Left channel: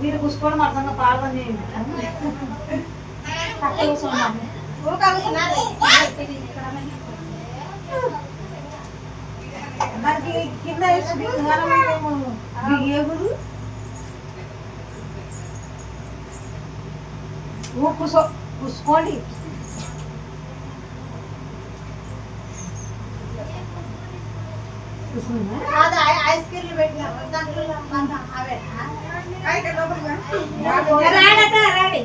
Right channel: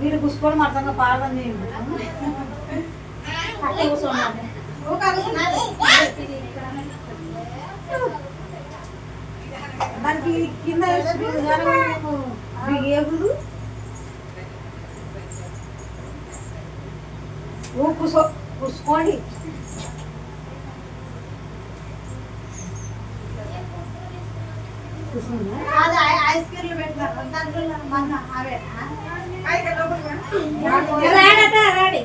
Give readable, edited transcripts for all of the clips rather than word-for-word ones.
మీరు కూర్చోండి అర్థంగా పాల్గొని కూర్చోండి దానికి కింద ఎగురు కూర్చోండి ఐస్ క్రీమ్లు పెట్టినారు దాంట్లో అవే రాడి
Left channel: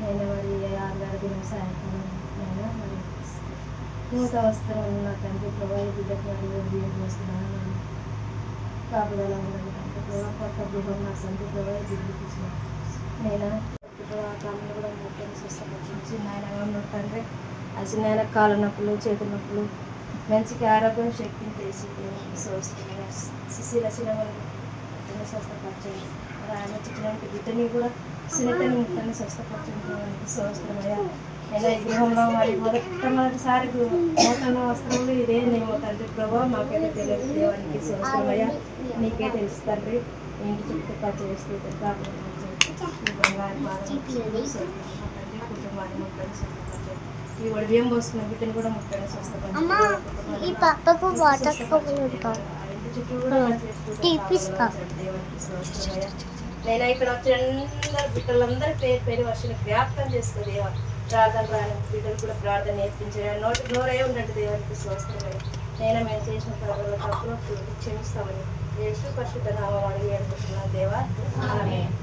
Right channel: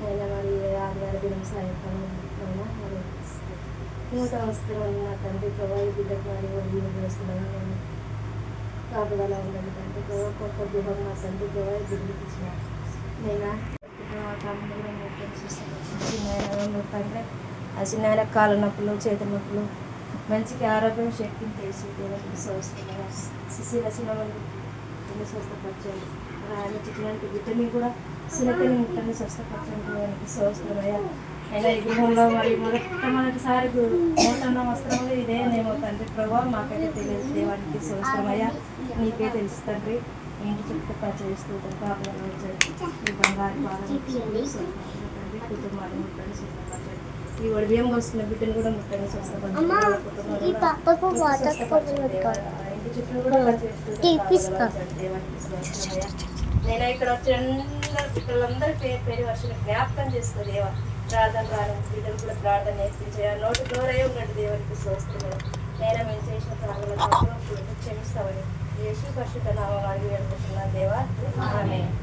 నేను మరి ఆధార సాయంకాలం మరి నూతన వస్త్రం నా తండ్రి ప్రభావ బిడ్డకు వస్తున్నాను కాపుదల ఉండాలి తండ్రి ప్రభావ కొత్త గృహం నా తండ్రి ప్రభావ బిడ్డకి ఇచ్చిన నేను కాలం కూడా చిన్న తండ్రి ఆ చిన్న కాళ్ళ నొప్పులు చేతుల నొప్పులు మంచికి ఆరోగ్యం శక్తిని తెలిసి సంవత్సరం శిశిర సినిమాలు స్వస్థపరచండి ఆయన చిన్నటి బిడ్డని కూడా చిన్నతని ముట్టని స్వస్థపరచడానికి సంవత్సరమయ్యా అయినా ఈ గృహంలో మరి మొదటిసారి నూతన వస్త్రంలో ఇదేనేమో తండ్రి ప్రభావ మాకైతే తెలియదు దేవానికి సంవత్సరమయ్యా నీకే తెలుసు తండ్రి ఇంటి చుట్టూ ఖర్చు వేసుకుంటే బంగారు పాదం తండ్రి కుటుంబాన్ని ముట్టని స్వస్థపరచండి ఈ బియ్యం వస్తున్న బిడ్డను కూడా ముట్టని స్వస్థపరచండి ఇంటి చుట్టూ కూడా నేను ఇక్కడ వచ్చి అందరు బిడ్డలందరూ పేరు వర్షాలు జ్ఞాపకం చేసుకో దేవ ప్రార్థన రాని బిడ్డలు కూడా ప్రార్థన నేర్పించే నోటి నోరై ఉండండి దేవునికి స్వస్థమని నేను మేము చేసిన ప్రార్థనలు క్షమిస్తామని యేసు పరిశుద్ధ నామం అడిగి అనుకుంటున్నాను దేవా ఆమేన్.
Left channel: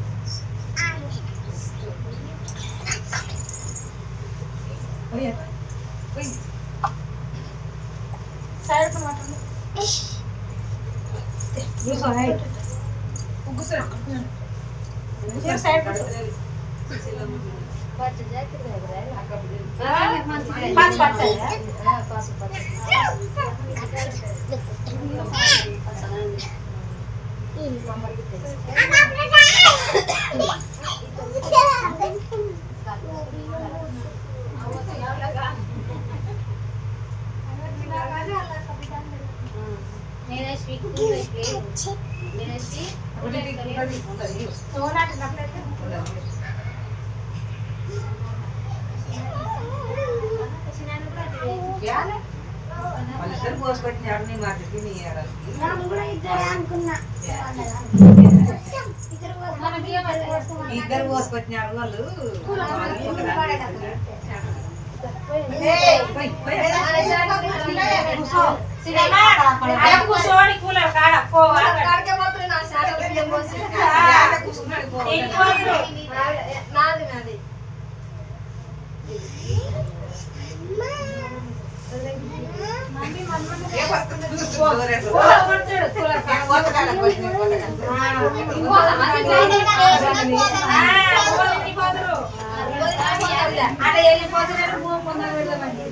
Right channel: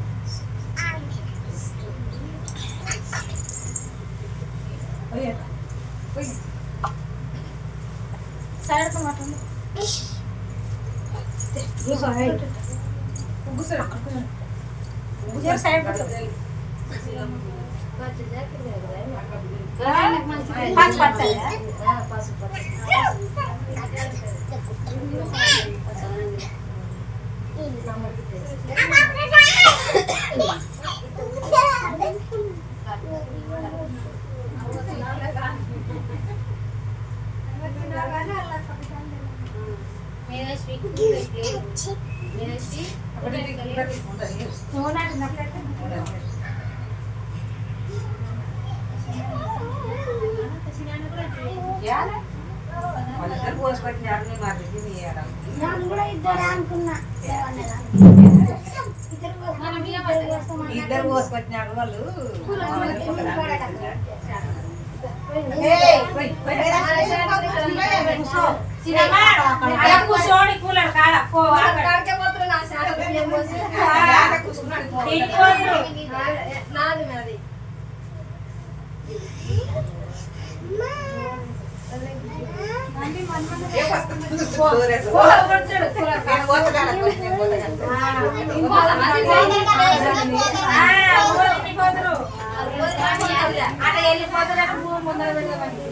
ఇద్దరు పోసుకొచ్చినారు వాళ్ళు కూర్చోని కూలర్ కాడ నాది అక్కడ వెళ్ళిపోతున్నట్టు ముందర వెళ్ళమని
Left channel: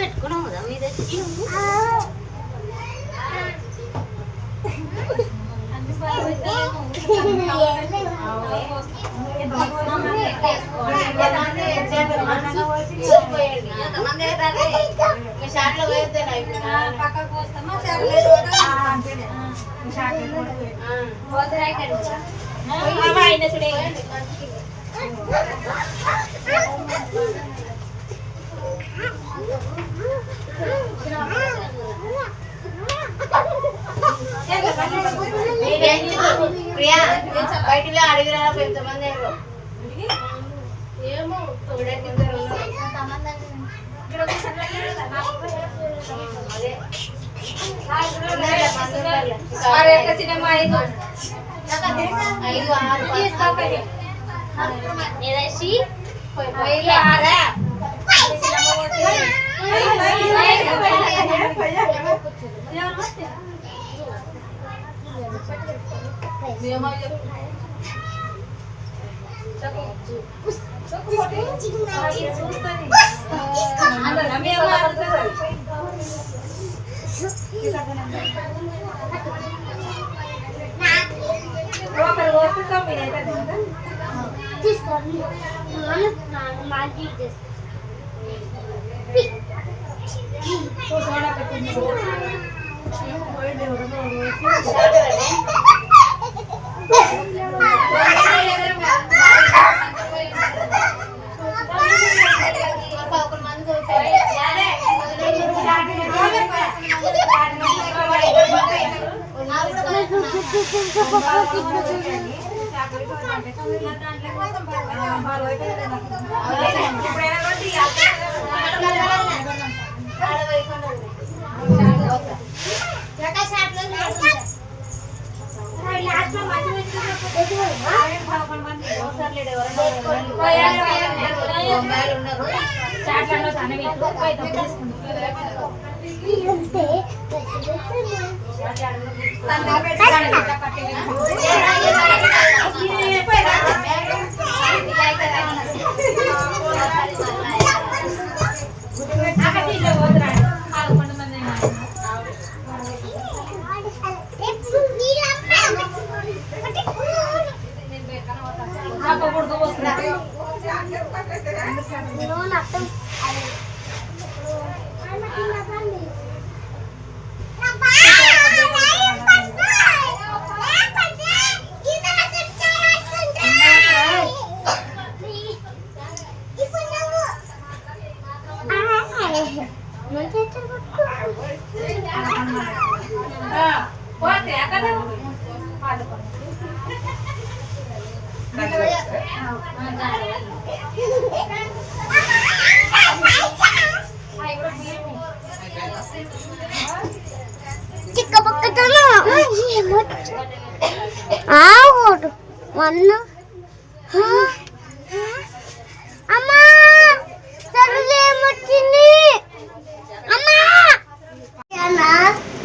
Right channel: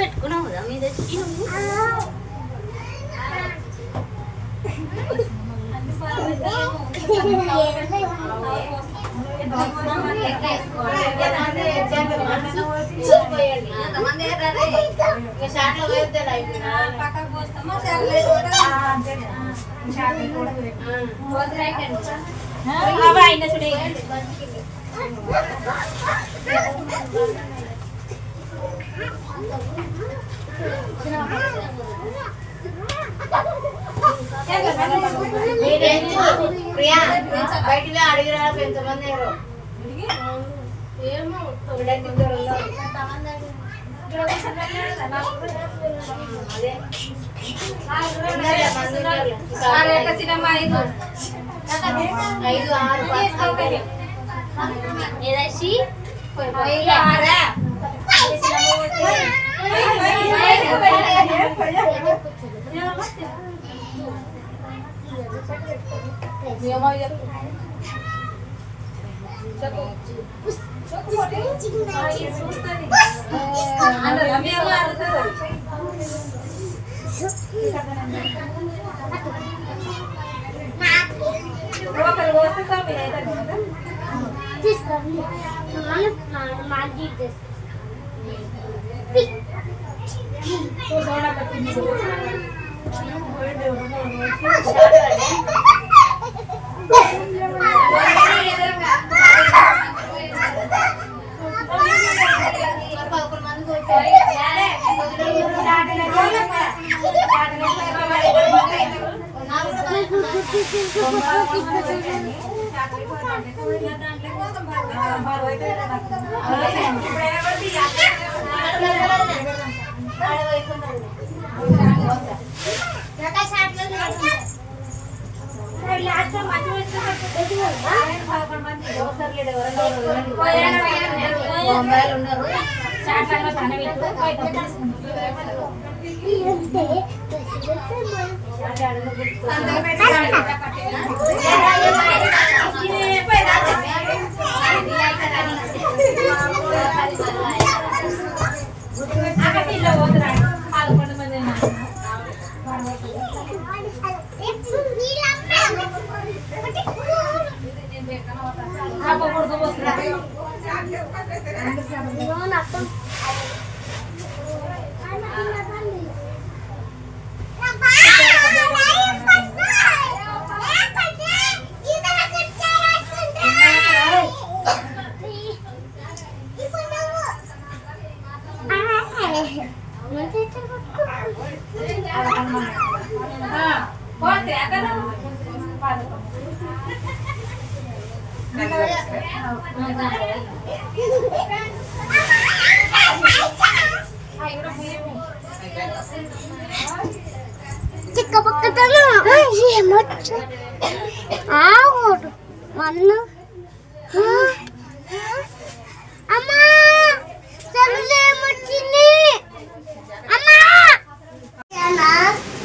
పెట్టుకున్నావు కదా మీద ప్రియా బయటికి అడిగిరా ఎంతమంది ఏమో ఐదు ఆరు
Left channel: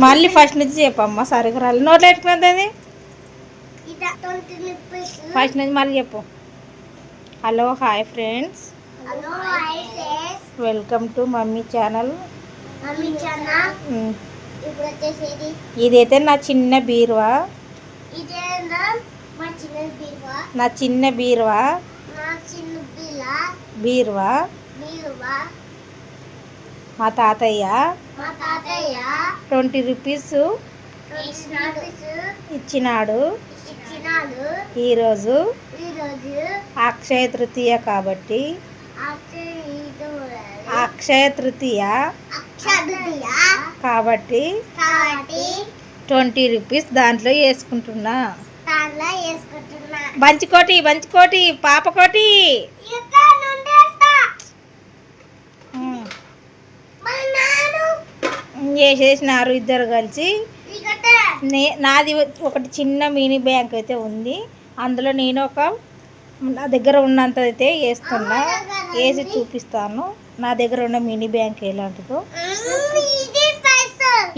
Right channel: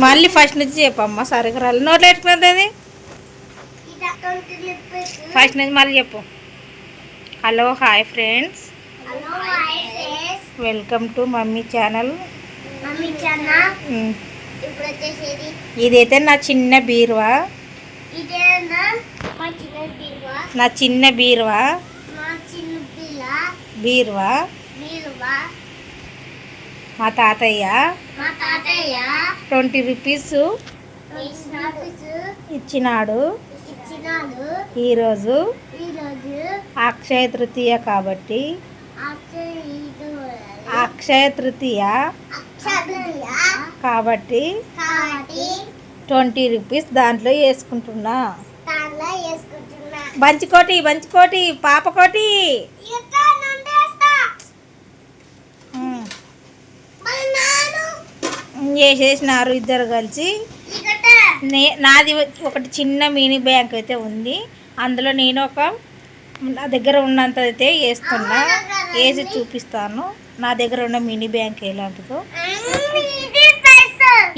మళ్ళీ ఫస్ట్ నుంచి చెప్పమ్మా సరిగ్గా రాలి నోట్లో పెట్టుకున్నది ఫస్ట్ నుంచి మళ్ళీ చెప్పు. Hello hi friends, welcome to mummy channel. ఇదైతే నా చిన్న బీరువా, నా చిన్న బీరువా బీరువా మా తాతయ్య 20 రూపీస్ ఇచ్చినాడు. ఈరోజు అక్షయ తృతీయ కాబట్టి కాబట్టి 20 రూపీస్ దాంట్లో వేసుకుంటున్నా. బంచికోటి బంచికోటి పాపకోటి వేసేసినారు ఇద్దరు కలిసి. నాది ఒకటి చిన్న మినీ బ్యాంక్ అయితే ఉంది, అందులో నేను నా దగ్గర ఉన్నంత అయితే వేస్తున్నా, వేసి చూపిస్తాను నా దగ్గర ఉన్న మినీ బ్యాంక్ ఎలాంటిదో.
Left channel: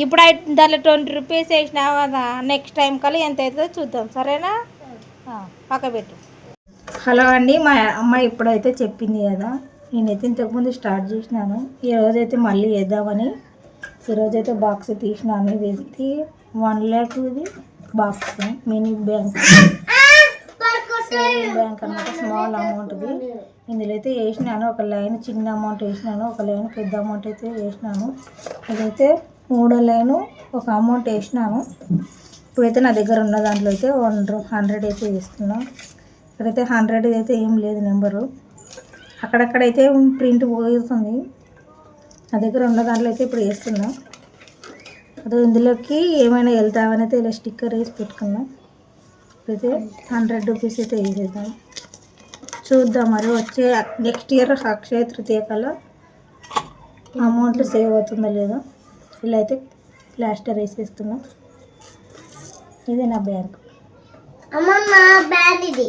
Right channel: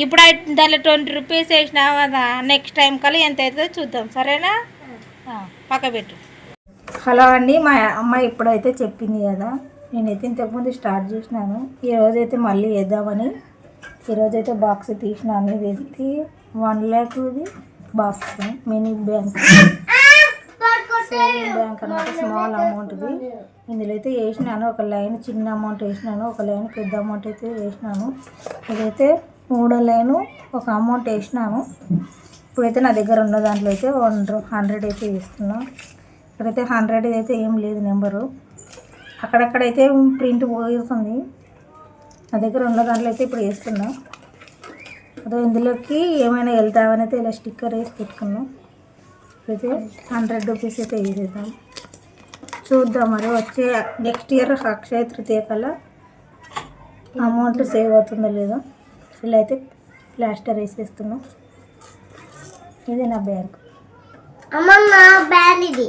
ఇప్పుడు దాంట్లో 20 రూపీస్ వేసినావు కదా, నెక్స్ట్ టైం కల్లా ఎంత అవుతుందో చూద్దాం, సరేనా? పక్క పెట్టు. హలో అండి, మా అమ్మాయి ఇప్పుడైతే చెప్పింది కదా, నేనైతే ఇంతకుముందు స్టార్ట్ చేసినాను. ఈరోజైతే మళ్ళీ వేద్దామని ఈరోజైతే బాక్స్ తీసినాను. ఇది 1 lakh box, mini bank, saving bank అనమాట, స్మాల్ అమౌంట్ది. ఇందులో అయితే వేసినాను, ఒక లైన్ చిన్న అమౌంట్ వేసినాను, ఒక లైన్ పెద్ద అమౌంట్ అయితే వేసినాను. ఇదైతే 3వ లైను ఒక అమౌంట్ వేసినాను. ఇప్పుడైతే నా దగ్గర ఉన్న దాంట్లో అయితే 100 అయితే వేస్తున్నాను. ఇక్కడైతే 100 అయితే ఏం లేదు నెంబరు, అక్కడక్కడైతే ప్రింట్ పోతుంది. నా దగ్గర ఉన్న దాంట్లో అయితే ఇప్పుడు వేస్తున్నా. అదే ఇందులోకి ఏమైనా వెళ్తామని అయితే ఇలా స్టిక్కర్ వేసి పెట్టుకున్నాం. ఇప్పుడైతే 100 రూపీస్ అయితే వేసేద్దాం, చూద్దాం మరి వచ్చే నెక్స్ట్ ఇయర్ అక్షయ తృతీయ కల్లా అమౌంట్ సేవ్ అవుతుందో లేదో. ఇలా అయితే ప్లాస్టర్ వేసేస్తున్నాం. ఇది నా బ్యాంక్. అమ్మమ్మ బ్యాగ్ ఇది.